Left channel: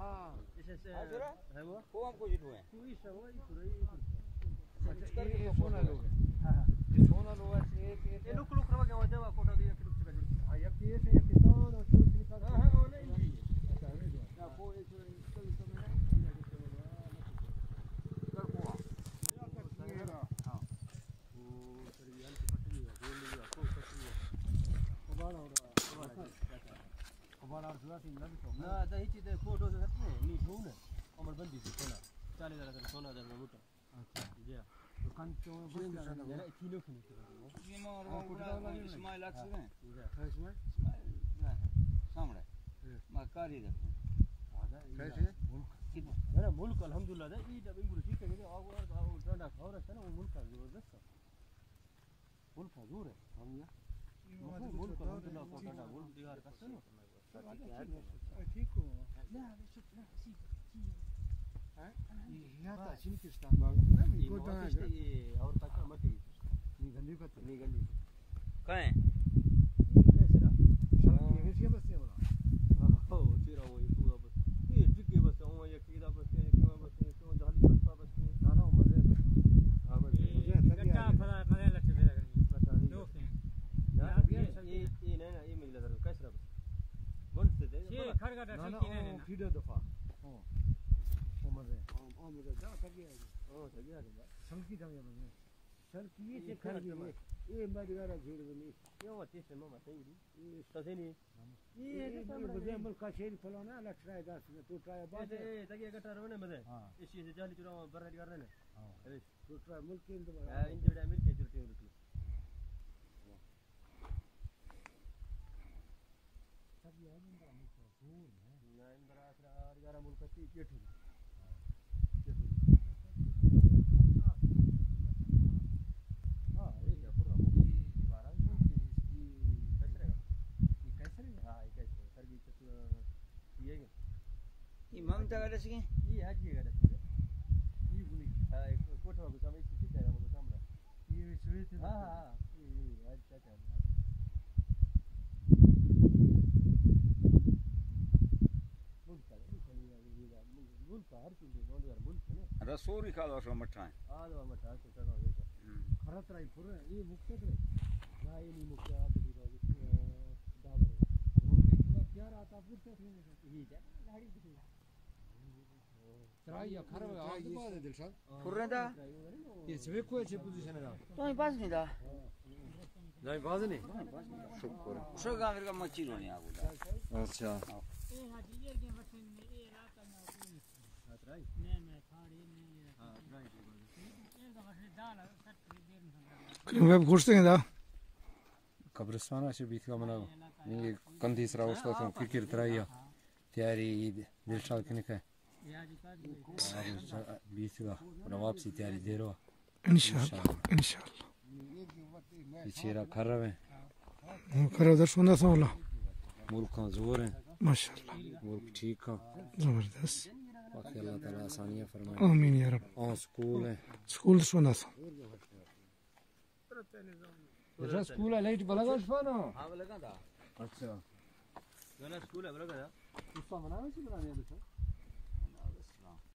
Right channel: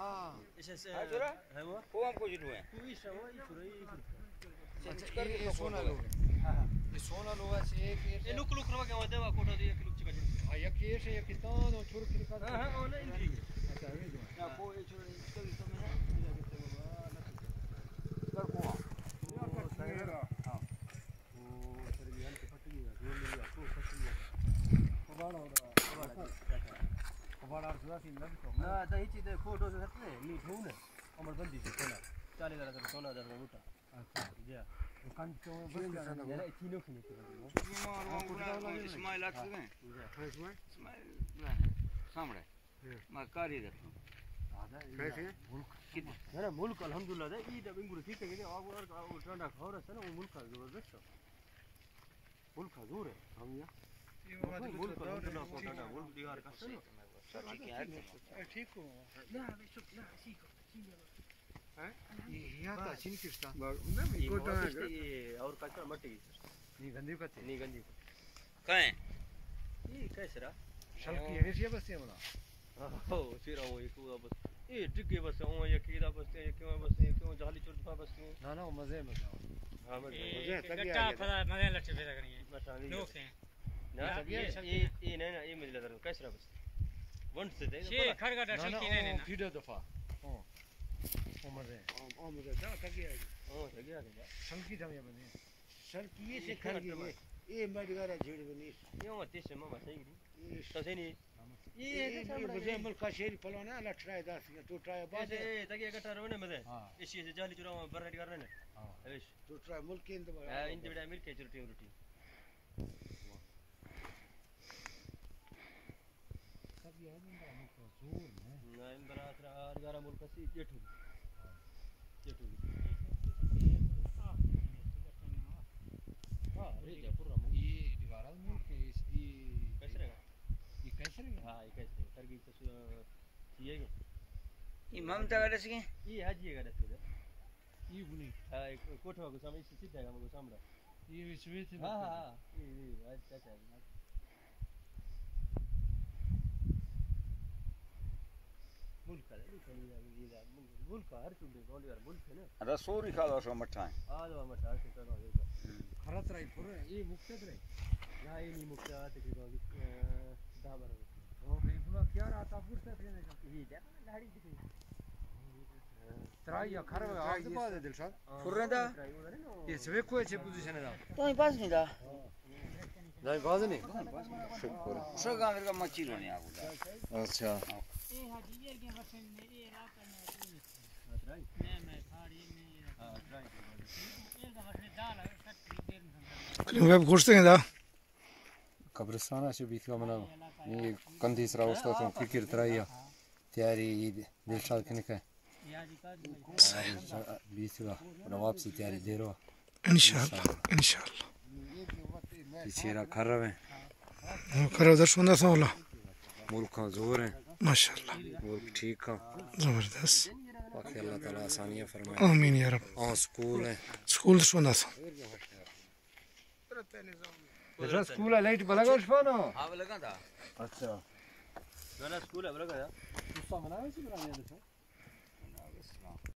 हाँ इसे है वो हमको जुड़ू है कोई शवा ये थोड़ी ये सोना लोग ये सोना लोग ऐसे एक ये लुक लुक रवा क्या होता है कोटा दे एक लुक चका जी हाँ ये से ये कितना नो छोड़ के निकाल हां हां ना इंजी अच्छा ये जो या को ये छोड़ इसको इसको में ना इधर करते बाबा कर को हां वो सर ये हम पट्टी है ये लिया को पट्टी है कबाड़ सुधा सी लग तो ना दही चीज फोटो से करते हैं नी ठू ने अमर बंदी से सोना 40,000 का सोना दर में उठा अच्छा जी दुकान तो बंद कर दो यार तीनों खिने के ये मार वो इस्माइल आख गए इसमें इस्माइल सामने मैं कारी देखो कैसे कितने ना मुल्क अल्हम्दुलिल्लाह दे ई डबिंग गुरु ठीक है और ठंडा खबर है ना वो मुल्क का जबरदस्त मुल्क का जोर है हम ये मुल्क अल्हम्दुलिल्लाह को ठंडा मुल्क दीवार का सुनो ठीक हो ना बेशक ना सीख हैं ये तो चिनकिस्तान ना ये गोटा ये और कच्चा मट्टी ये गंदी कते नहीं गंदी कहाँ है ये कैसे रहा सड़क ये से बस ये वाला हो फिर वो एक हुआ बस ये डिग्गे बस वो ये कीड़ा बस ये क्यों बस ये क्यों जाली चुटका बस क्यों ना ना मजे हां बस गट्टा फला मजे लट्टे पैदा करेंगे बता नहीं लोग हैं ना ये नहीं ना ये मुझे लग रहा कैसे रहा बस वन से दे ये खरगटा ठंकी नहीं ना फिर दफा हां ओ मजे जा तक गया ओ तक गया संकी दम ये बने सर किए से खर गए ये मडगारा झेड़ बनी ये मत से मामा सही नहीं तो सही नहीं ये मुझे अमल का शेर फलाना लठराए दास तो ट्राई बात ऐसे तक ये गटर होने मजे हां इसी से जाली चुराव बरहट कर रहे हैं हां ऐश तो ट्राई मुल्क के इंद इन दिड़ा मिल के चुरटी रोटी सब ये है ना तो जोर ना इन बरासरा 11 मुल्क से जेठू हां ये जा पूरा ये दीवारा मुल्क के कैसे रहेगा ये कैसे रहेगा हां ये कैसे सरगी तो ये ये ममता का रस के ये हाजी का रस ये बुनी हां कोठवा को सामने इसी सीधा है हमको सामने ये विश्व से हां हां ये अच्छा अच्छा मुल्क का मुल्क का हर चुंडे कौन यार मुल्क है ना रसोरी खा दो सो मठा आ दो मठा से करो ये खरत राई पूरे ये मुक्त रे ना ये नहीं मुक्त आते की डाबर वो भी पूरा क्या आता पुरसे थे ना ये क्या गाड़ी दिखे त्राई या खर आज बाद दिल साहब फुर्रे दा ये सवे कोई छे पोजीशन है तो ही पास नहीं दा जाई बाज नहीं शुक्र सो गांव का मच्छी रोने आ गुदा अच्छा ये हाजी ये के बसन में ये रात में मैं फाड़ी में हां ट्राई ये तो बस दाल सट्टी देर में Kling web ko'rsang da. कब्रिस्तान से बीत का मना ये कंधी सरा उसका तो फिक्र त्राई तैयारी दिलशाद के निकले ये हाजी का बीत का वापसी तैयारी दे रहा Inshallah. Inshallah. चेहरा खर रहे Karo darshunda sawla. मुल्क का जोर है Mashallah. मुल्क ठीक का Zabardast. बाकी अल्लाह ताला आसानियां फरमाए Amin ya Rabb. और स्कूल है School darshunda sa. जरा स्कूल है लाइट बलगा शफाना हां लगा था अच्छा ना स्कूल है लगा यार उसका मना है से बनाने